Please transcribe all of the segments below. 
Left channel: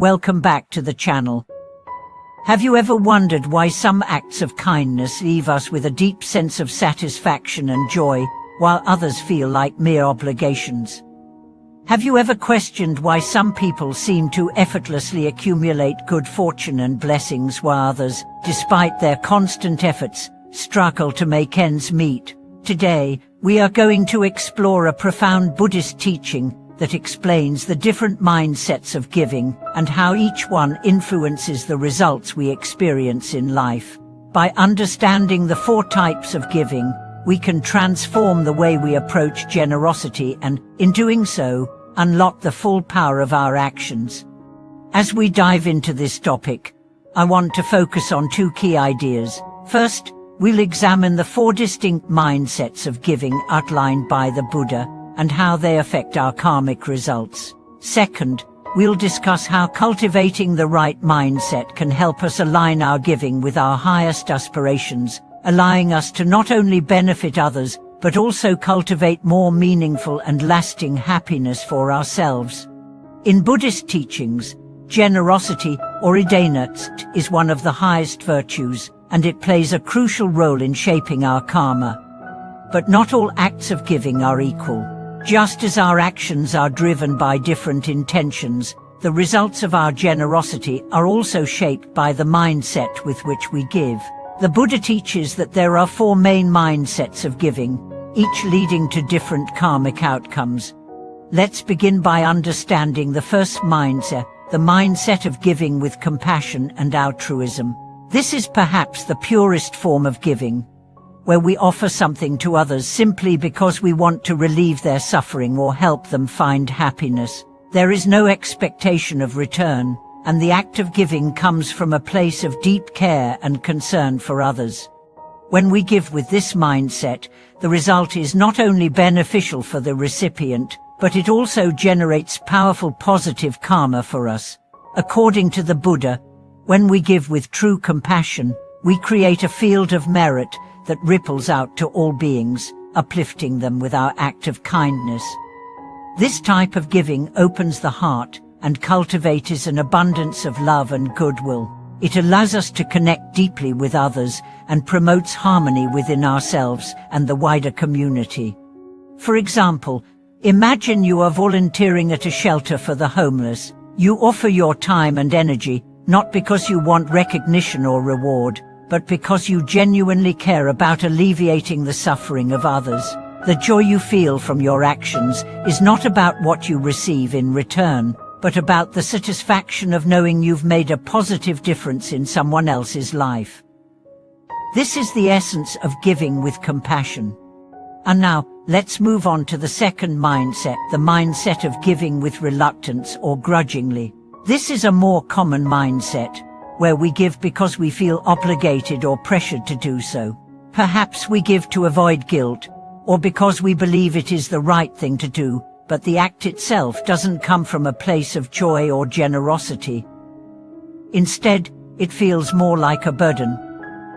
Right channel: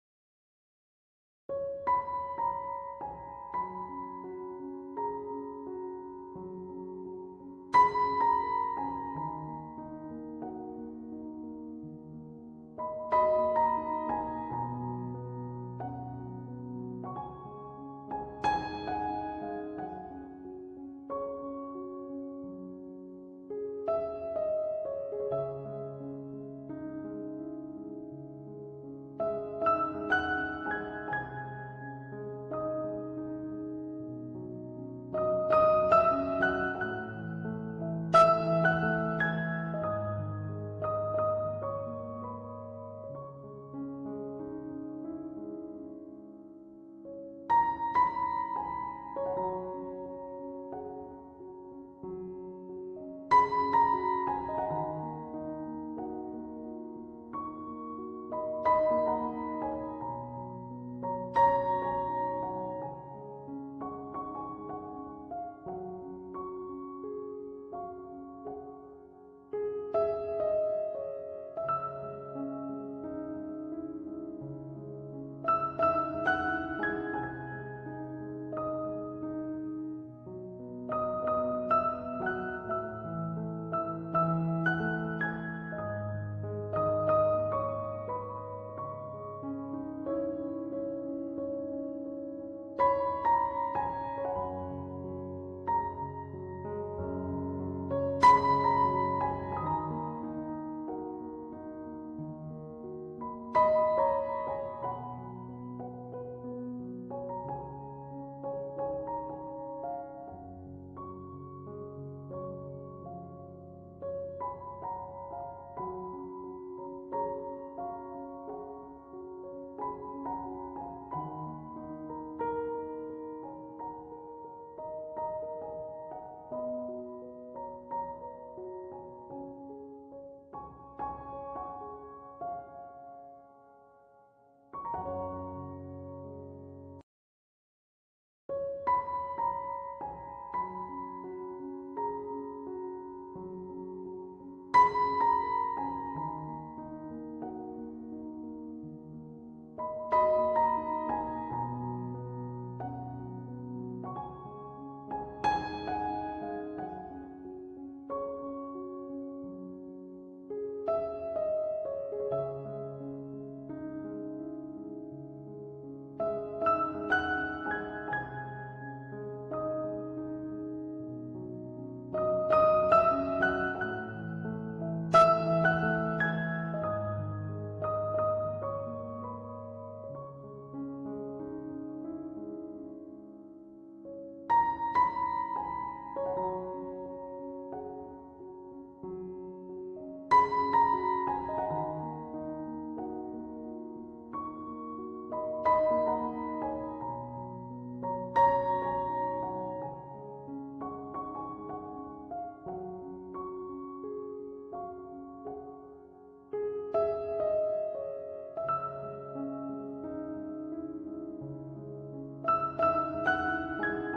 Welcome back to the channel. Have you ever wondered why some acts of kindness leave us with a deep sense of satisfaction and joy, while others feel like mere obligations? Have you ever questioned why some people seem to effortlessly accumulate good fortune and blessings while others, despite their constant efforts, struggle to make ends meet? Today, we are going to explore a profound Buddhist teaching that explains the different mindsets of giving and how each one influences the results we experience in life. By understanding the 4 types of giving, we can transform the way we approach generosity and, in doing so, unlock the full power of our actions. As we dive into this topic, I want to focus on 2 key ideas. First, we'll examine the 4 distinct mindsets of giving outlined by the Buddha and how they affect our karmic results. Second, we'll discuss how cultivating the right mindset can help us align our giving with our highest aspirations, allowing us to not only benefit others, but also cultivate more meaningful and lasting happiness for ourselves. In Buddhist teachings, generosity, or dana, is one of the highest virtues, and it plays a crucial role in shaping our karma. But not all acts of giving are equal. Just as our actions are driven by different intentions, the results of our generosity are also shaped by the mindset with which we give. The Buddha teaches that there are 4 main mindsets of giving, each leading to different karmic outcomes. Let's begin by understanding the first mindset, the mindset of giving with compassion and altruism. This is perhaps the purest form of giving, where we offer something to others simply because we want to relieve their suffering or help them find happiness. There is no expectation of return, and the act of giving comes from a place of deep care and concern for others. When we give with this mindset, the result is not only beneficial for the recipient, but it also generates powerful positive karma for us. According to the Buddha, when we give with true compassion, we create a field of merit that ripples out to all beings, uplifting them with our act of kindness. This type of giving opens the heart and cultivates an abundance of love and goodwill. It allows us to connect deeply with others and promotes harmony within ourselves and the wider community. For example, imagine you are volunteering at a shelter for the homeless. You offer your time and energy, not because you want recognition or reward, but because you genuinely care about alleviating the suffering of others. The joy you feel from your actions is not about what you receive in return, but about the satisfaction of knowing you've made a positive difference in someone else's life. This is the essence of giving with compassion. And now, let's move on to the second mindset, the mindset of giving with reluctance or grudgingly. This is a more common mindset, where we give because we feel obligated or pressured to do so. Perhaps we give to avoid guilt, or because we believe it is the right thing to do, but the act itself doesn't come from a place of joy or generosity. Instead, it feels more like a burden.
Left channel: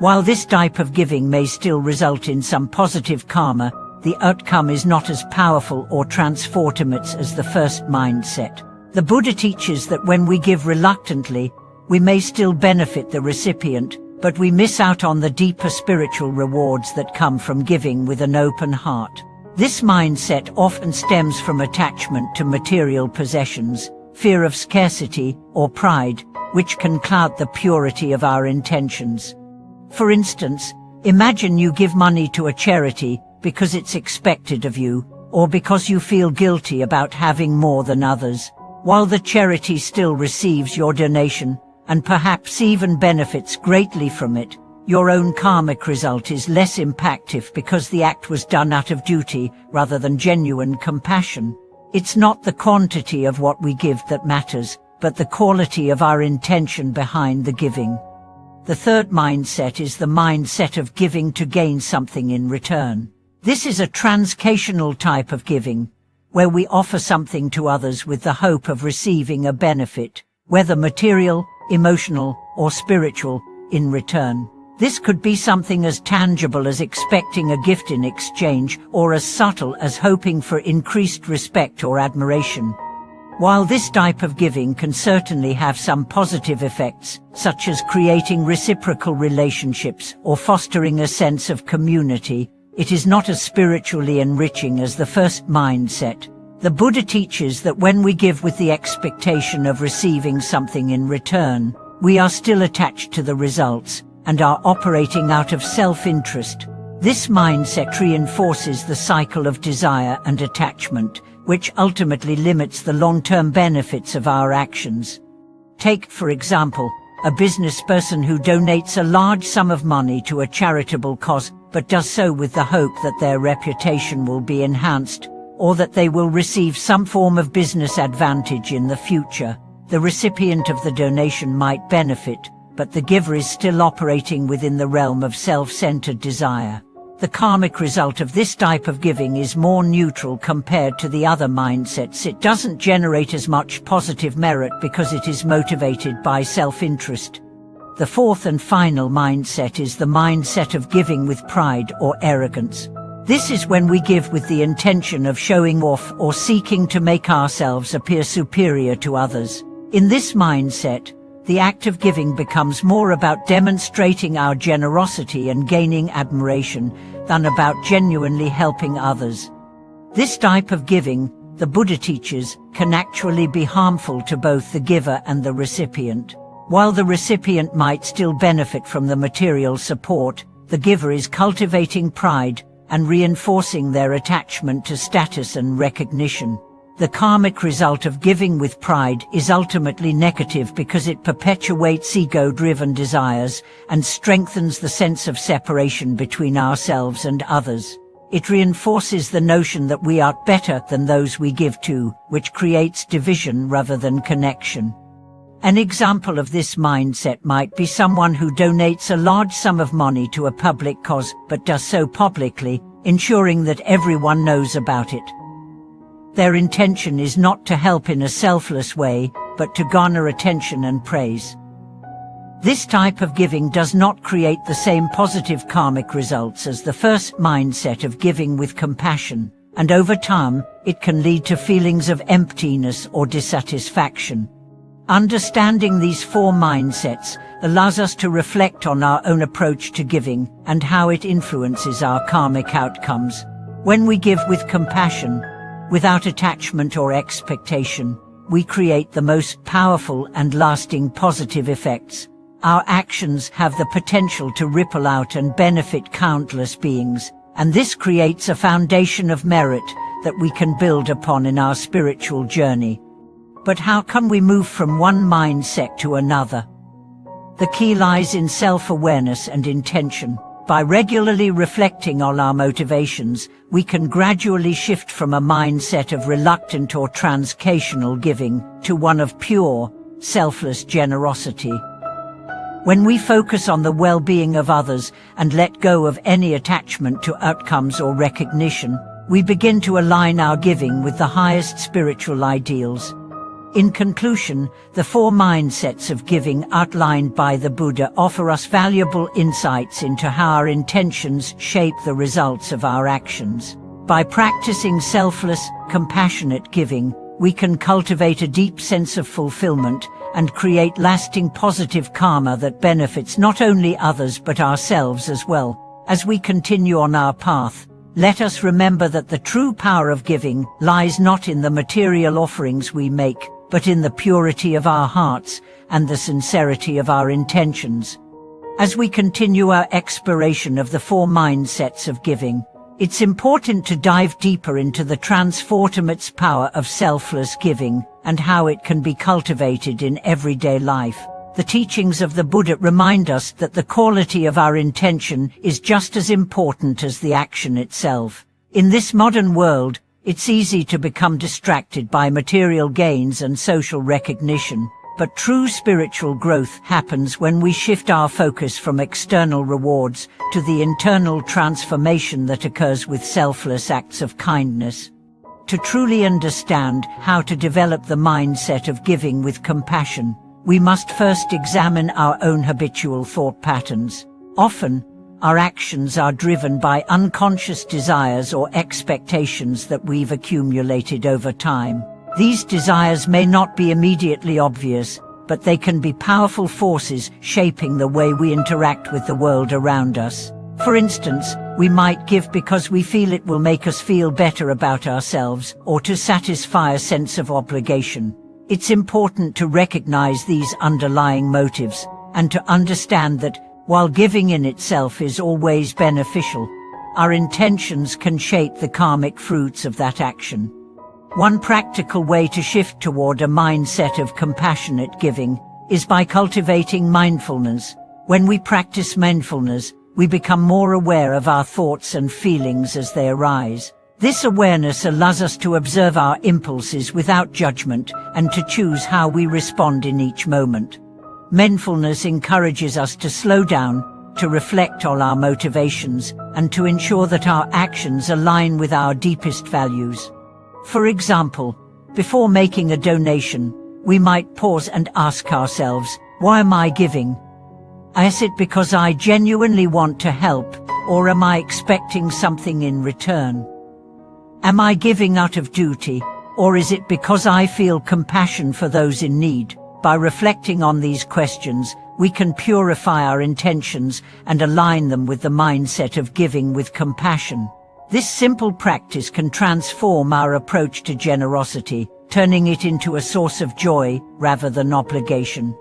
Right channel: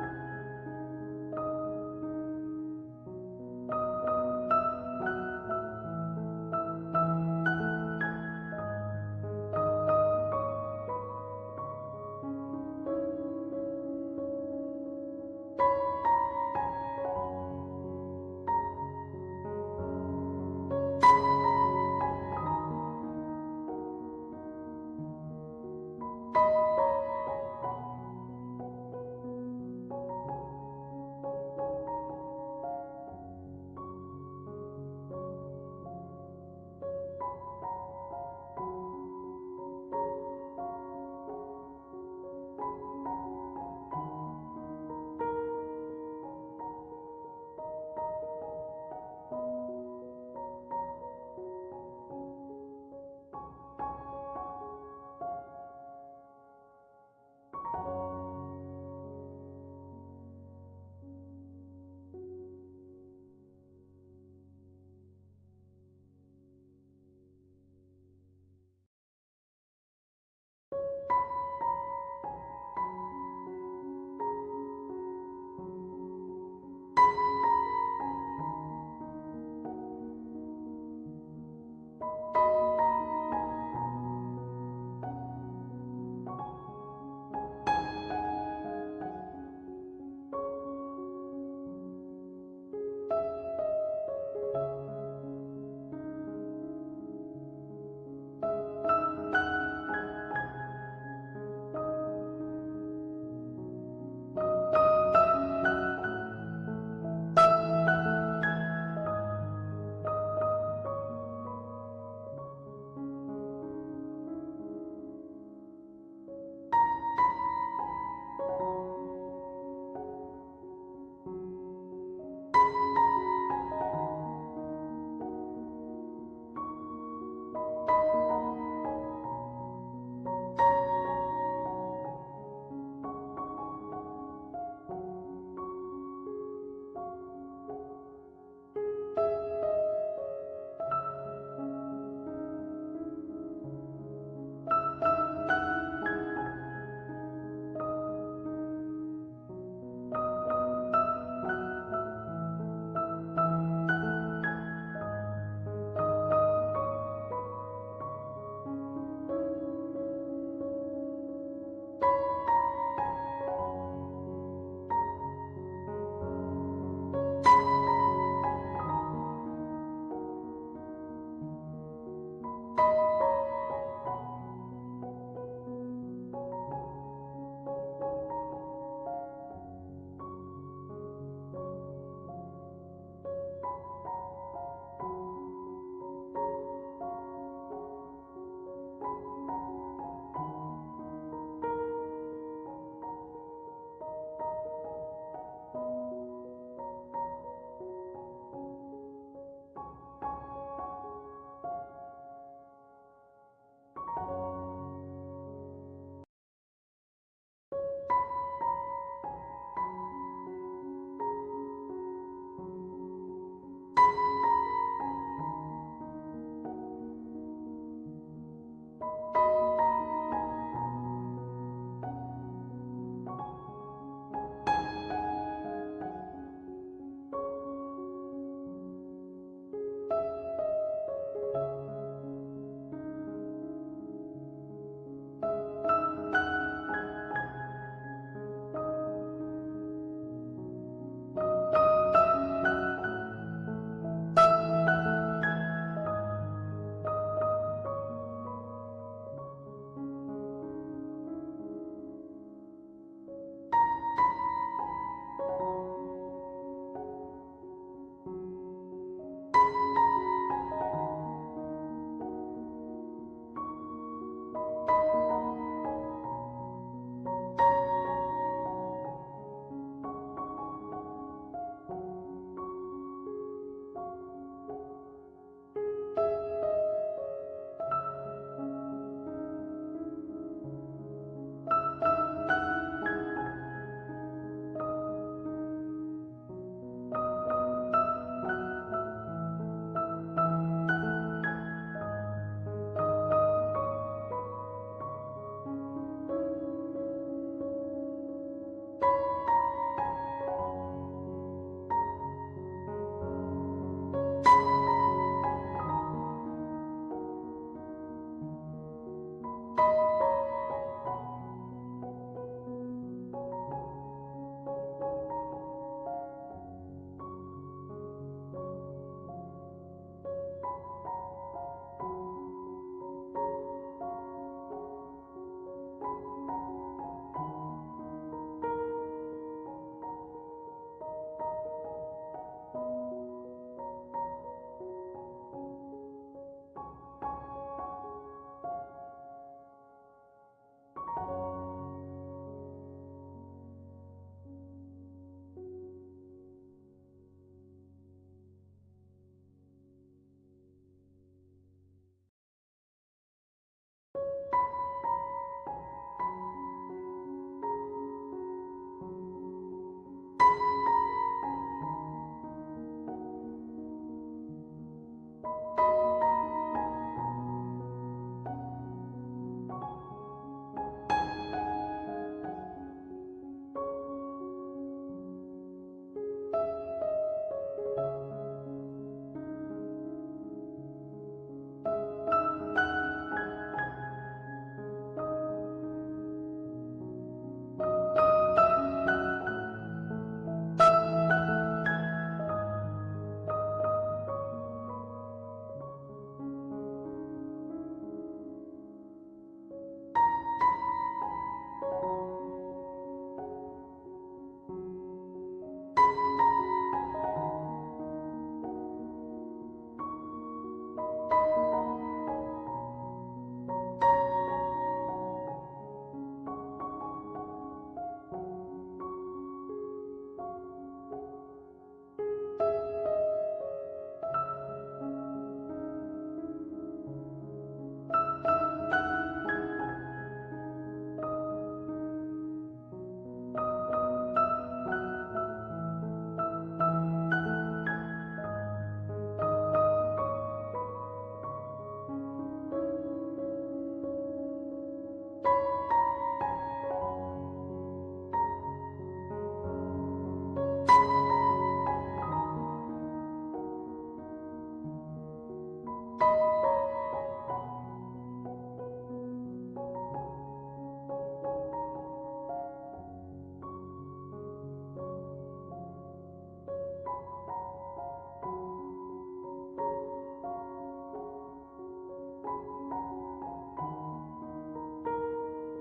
While this type of giving may still result in some positive karma, the outcome is not as powerful or transformative as the first mindset. The Buddha teaches that when we give reluctantly, we may still benefit the recipient, but we miss out on the deeper spiritual rewards that come from giving with an open heart. This mindset often stems from attachment to material possessions, fear of scarcity, or pride, which can cloud the purity of our intentions. For instance, imagine you give money to a charity because it's expected of you, or because you feel guilty about having more than others. While the charity still receives your donation, and perhaps even benefits greatly from it, your own karmic result is less impactful because the act was done out of duty rather than genuine compassion. It's not the quantity of what we give that matters, but the quality of our intention behind the giving. The third mindset is the mindset of giving to gain something in return. This is a transactional type of giving, where we offer something to others with the hope of receiving a benefit, whether material, emotional, or spiritual, in return. This could be something as tangible as expecting a gift in exchange, or as subtle as hoping for increased respect or admiration. While this type of giving can certainly have some positive effects, such as creating reciprocal relationships or fostering a sense of community, it is not as spiritually enriching as the first mindset. The Buddha teaches that when we give with the expectation of receiving something in return, we are still attached to the results and are operating out of self-interest. This mindset reinforces the cycle of desire and attachment, which ultimately limits the long-term benefits of our actions. Take, for example, a business person who donates a large sum of money to a charitable cause, but does so with the hope that their reputation will be enhanced, or that they will receive some form of business advantage in the future. The recipient of the donation might benefit, but the giver is still operating within the realm of self-centered desire. The karmic result of this type of giving is more neutral compared to the other mindsets. It doesn't generate as much positive merit because it is motivated by self-interest. The fourth and final mindset is the mindset of giving with pride or arrogance. This is when we give with the intention of showing off or seeking to make ourselves appear superior to others. In this mindset, the act of giving becomes more about demonstrating our generosity and gaining admiration than about genuinely helping others. This type of giving, the Buddha teaches, can actually be harmful to both the giver and the recipient. While the recipient might still benefit from the material support, the giver is cultivating pride and reinforcing their attachment to status and recognition. The karmic result of giving with pride is ultimately negative because it perpetuates ego-driven desires and strengthens the sense of separation between ourselves and others. It reinforces the notion that we are better than those we give to, which creates division rather than connection. An example of this mindset might be someone who donates a large sum of money to a public cause but does so publicly, ensuring that everyone knows about it. Their intention is not to help in a selfless way, but to garner attention and praise. This type of giving does not create the same positive karmic results as the first mindset of giving with compassion, and over time, it can lead to feelings of emptiness or dissatisfaction. Understanding these four mindsets allows us to reflect on our own approach to giving and how it influences our karmic outcomes. When we give with compassion, without attachment or expectation, we create the most powerful and lasting positive effects. Our actions have the potential to ripple out and benefit countless beings, and this creates a foundation of merit that we can build upon in our spiritual journey. But how can we move from one mindset to another? The key lies in self-awareness and intention. By regularly reflecting on our motivations, we can gradually shift from a mindset of reluctant or transactional giving to one of pure, selfless generosity. When we focus on the well-being of others and let go of any attachment to outcomes or recognition, we begin to align our giving with the highest spiritual ideals. In conclusion, the four mindsets of giving outlined by the Buddha offer us valuable insights into how our intentions shape the results of our actions. By practicing selfless, compassionate giving, we can cultivate a deep sense of fulfillment and create lasting positive karma that benefits not only others but ourselves as well. As we continue on our path, let us remember that the true power of giving lies not in the material offerings we make, but in the purity of our hearts and the sincerity of our intentions. As we continue our exploration of the four mindsets of giving, it's important to dive deeper into the transformative power of selfless giving and how it can be cultivated in everyday life. The teachings of the Buddha remind us that the quality of our intention is just as important as the action itself. In this modern world, it's easy to become distracted by material gains and social recognition, but true spiritual growth happens when we shift our focus from external rewards to the internal transformation that occurs with selfless acts of kindness. To truly understand how to develop the mindset of giving with compassion, we must first examine our own habitual thought patterns. Often, our actions are driven by unconscious desires or expectations that we've accumulated over time. These desires may not be immediately obvious, but they can be powerful forces shaping the way we interact with the world around us. For instance, we might give because we feel it will make us feel better about ourselves, or to satisfy a sense of obligation. It's important to recognize these underlying motives, and to understand that, while giving in itself is always beneficial, our intentions can shape the karmic fruits of that action. One practical way to shift toward a mindset of compassionate giving is by cultivating mindfulness. When we practice mindfulness, we become more aware of our thoughts and feelings as they arise. This awareness allows us to observe our impulses without judgment and to choose how we respond in each moment. Mindfulness encourages us to slow down, to reflect on our motivations, and to ensure that our actions align with our deepest values. For example, before making a donation, we might pause and ask ourselves, why am I giving? Is it because I genuinely want to help, or am I expecting something in return? Am I giving out of duty, or is it because I feel compassion for those in need? By reflecting on these questions, we can purify our intentions and align them with the mindset of giving with compassion. This simple practice can transform our approach to generosity, turning it into a source of joy rather than obligation.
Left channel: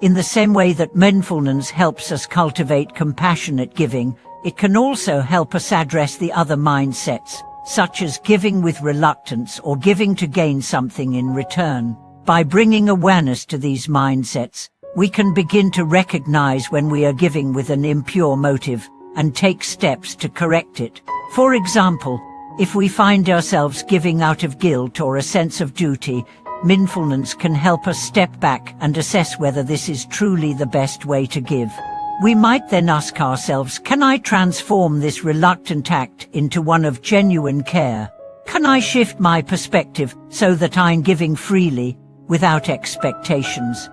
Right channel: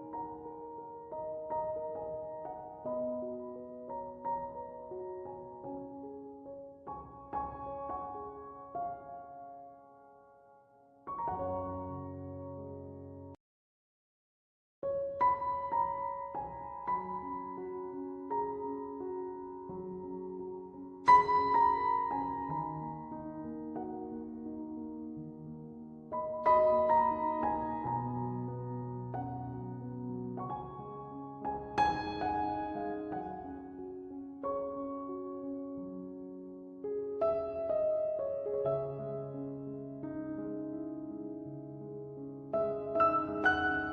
In the same way that mindfulness helps us cultivate compassionate giving, it can also help us address the other mindsets, such as giving with reluctance or giving to gain something in return. By bringing awareness to these mindsets, we can begin to recognize when we are giving with an impure motive and take steps to correct it. For example, if we find ourselves giving out of guilt or a sense of duty, mindfulness can help us step back and assess whether this is truly the best way to give. We might then ask ourselves, can I transform this reluctant act into one of genuine care? Can I shift my perspective so that I'm giving freely, without expectations?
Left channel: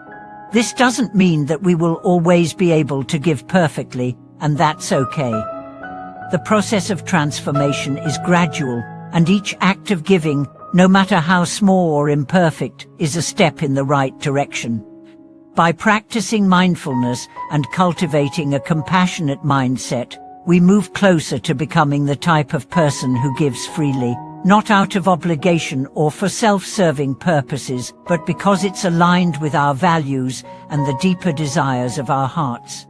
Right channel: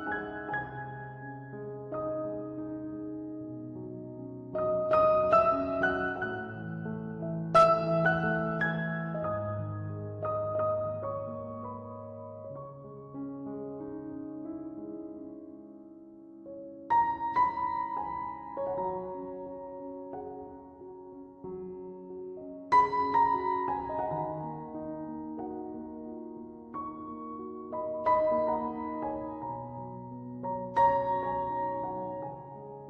This doesn't mean that we will always be able to give perfectly, and that's okay. The process of transformation is gradual, and each act of giving, no matter how small or imperfect, is a step in the right direction. By practicing mindfulness and cultivating a compassionate mindset, we move closer to becoming the type of person who gives freely, not out of obligation or for self-serving purposes, but because it's aligned with our values and the deeper desires of our hearts.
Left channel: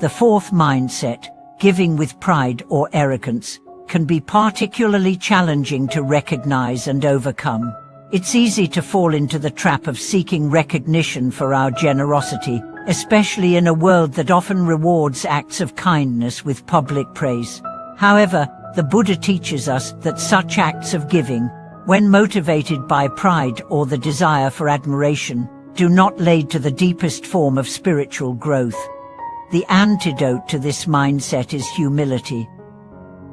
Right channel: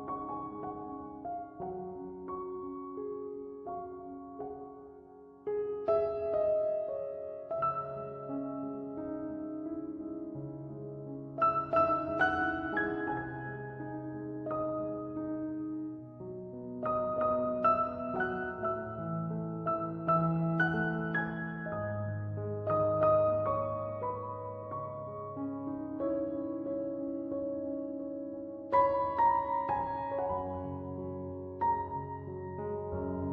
The fourth mindset, giving with pride or arrogance, can be particularly challenging to recognize and overcome. It's easy to fall into the trap of seeking recognition for our generosity, especially in a world that often rewards acts of kindness with public praise. However, the Buddha teaches us that such acts of giving, when motivated by pride or the desire for admiration, do not lead to the deepest form of spiritual growth. The antidote to this mindset is humility.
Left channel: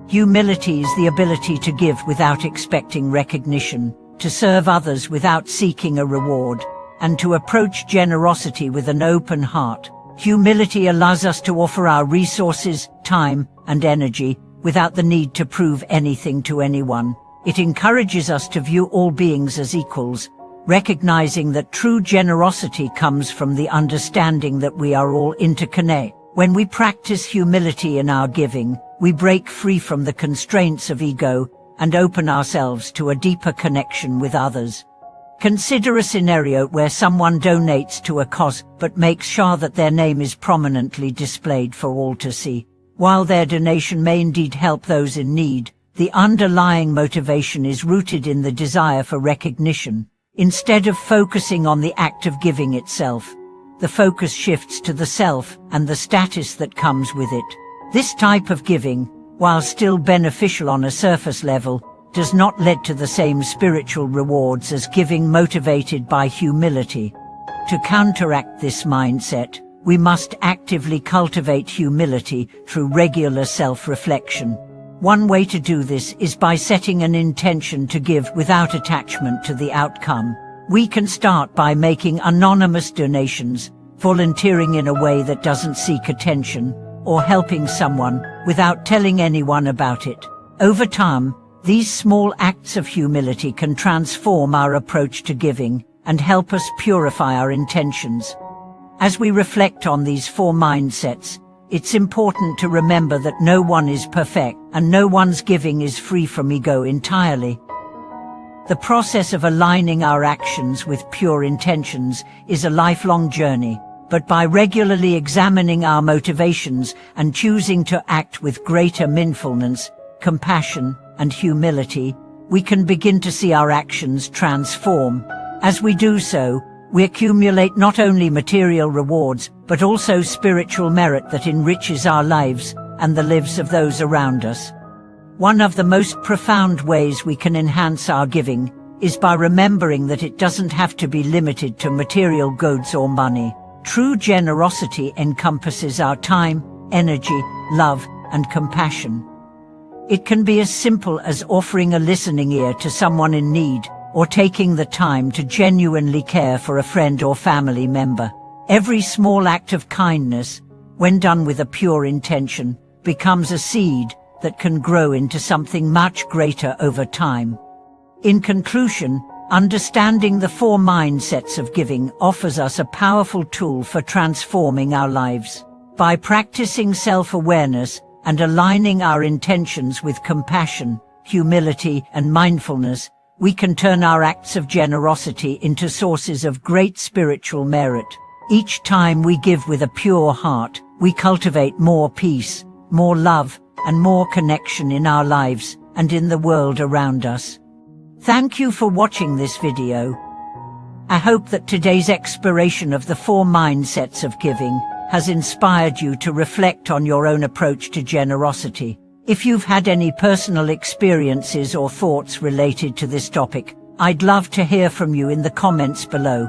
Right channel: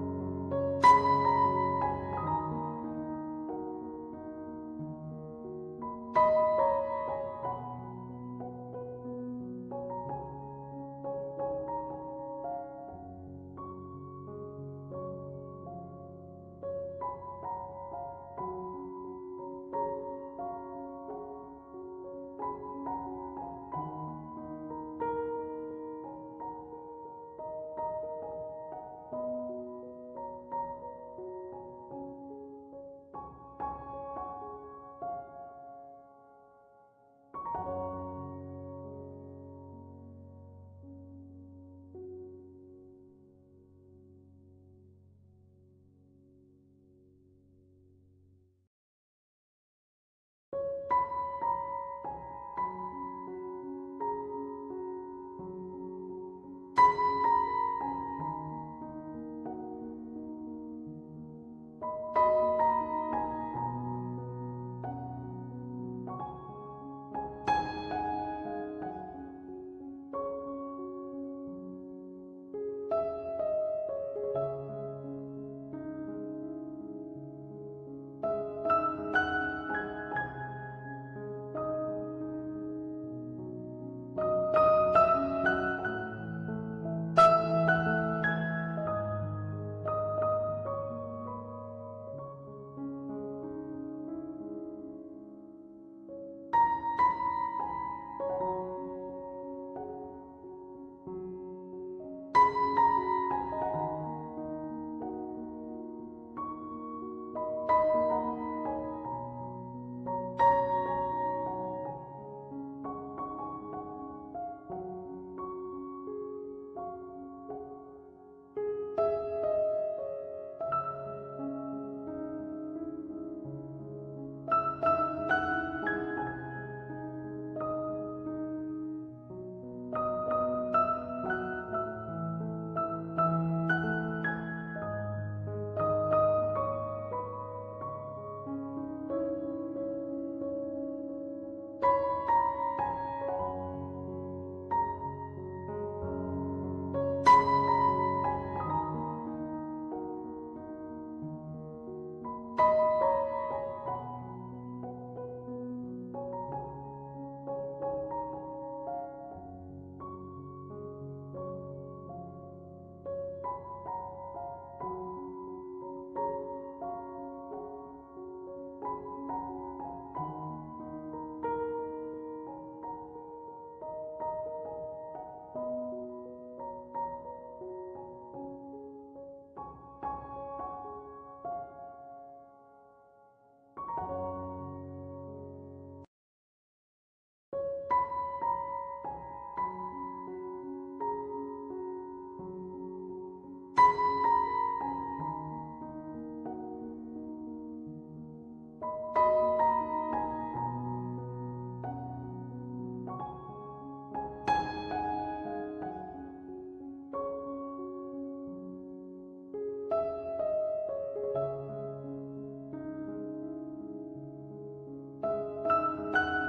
Humility is the ability to give without expecting recognition, to serve others without seeking a reward, and to approach generosity with an open heart. Humility allows us to offer our resources, time, and energy without the need to prove anything to anyone. It encourages us to view all beings as equals, recognizing that true generosity comes from the understanding that we are all interconnected. When we practice humility in our giving, we break free from the constraints of ego and open ourselves to a deeper connection with others. Consider a scenario where someone donates to a cause but makes sure that their name is prominently displayed for all to see. While their donation may indeed help those in need, the underlying motivation is rooted in the desire for recognition. Instead of focusing on the act of giving itself, the focus shifts to the self and the status that comes with it. This type of giving, while still beneficial on a surface level, does not lead to the same spiritual rewards as giving motivated by humility. To counteract this mindset, we must actively cultivate humility through regular self-reflection. One way to do this is by setting an intention to give without attachment to the outcome. We can start by making anonymous donations, volunteering in a way that doesn't seek attention, or helping someone without telling anyone about it. Over time, These small acts of humility can transform our approach to giving and help us purify our intentions. As we reflect on these 4 mindsets, it's important to remember that no one is perfect and no one's giving is free from ego entirely. The process of aligning our actions with pure intentions is a lifelong journey, but by regularly examining our motivations and choosing to act with greater mindfulness, compassion, and humility, we can begin to see our actions transform. As we do so, we accumulate not only material rewards, but also spiritual merit that enriches our lives and the lives of those around us. One of the most profound ways we can enhance our giving is by remembering that it doesn't have to be limited to material goods or money. True generosity encompasses our time, energy, love, and compassion. It can be as simple as offering a listening ear to someone in need, or taking the time to genuinely care for a friend or family member. Every small act of kindness, when done with a pure intention, becomes a seed that can grow into something much greater over time. In conclusion, understanding the 4 mindsets of giving offers us a powerful tool for transforming our lives. By practicing self-awareness and aligning our intentions with compassion, humility, and mindfulness, we can turn our acts of generosity into sources of great spiritual merit. Each time we give with a pure heart, we cultivate more peace, more love, and more connection in our lives and in the world around us. Thank you for watching this video. I hope that today's exploration of the 4 mindsets of giving has inspired you to reflect on your own approach to generosity. If you've had any personal experiences or thoughts related to this topic, I'd love to hear from you in the comments below.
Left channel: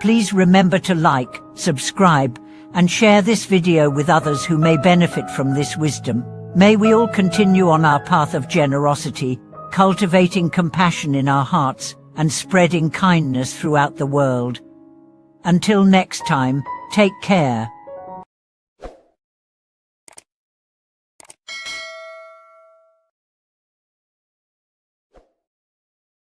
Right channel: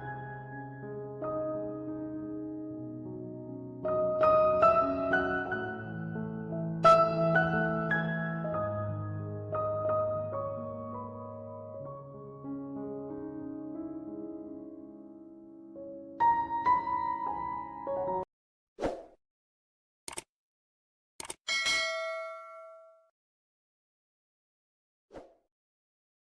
Please remember to like, subscribe, and share this video with others who may benefit from this wisdom. May we all continue on our path of generosity, cultivating compassion in our hearts and spreading kindness throughout the world. Until next time, take care.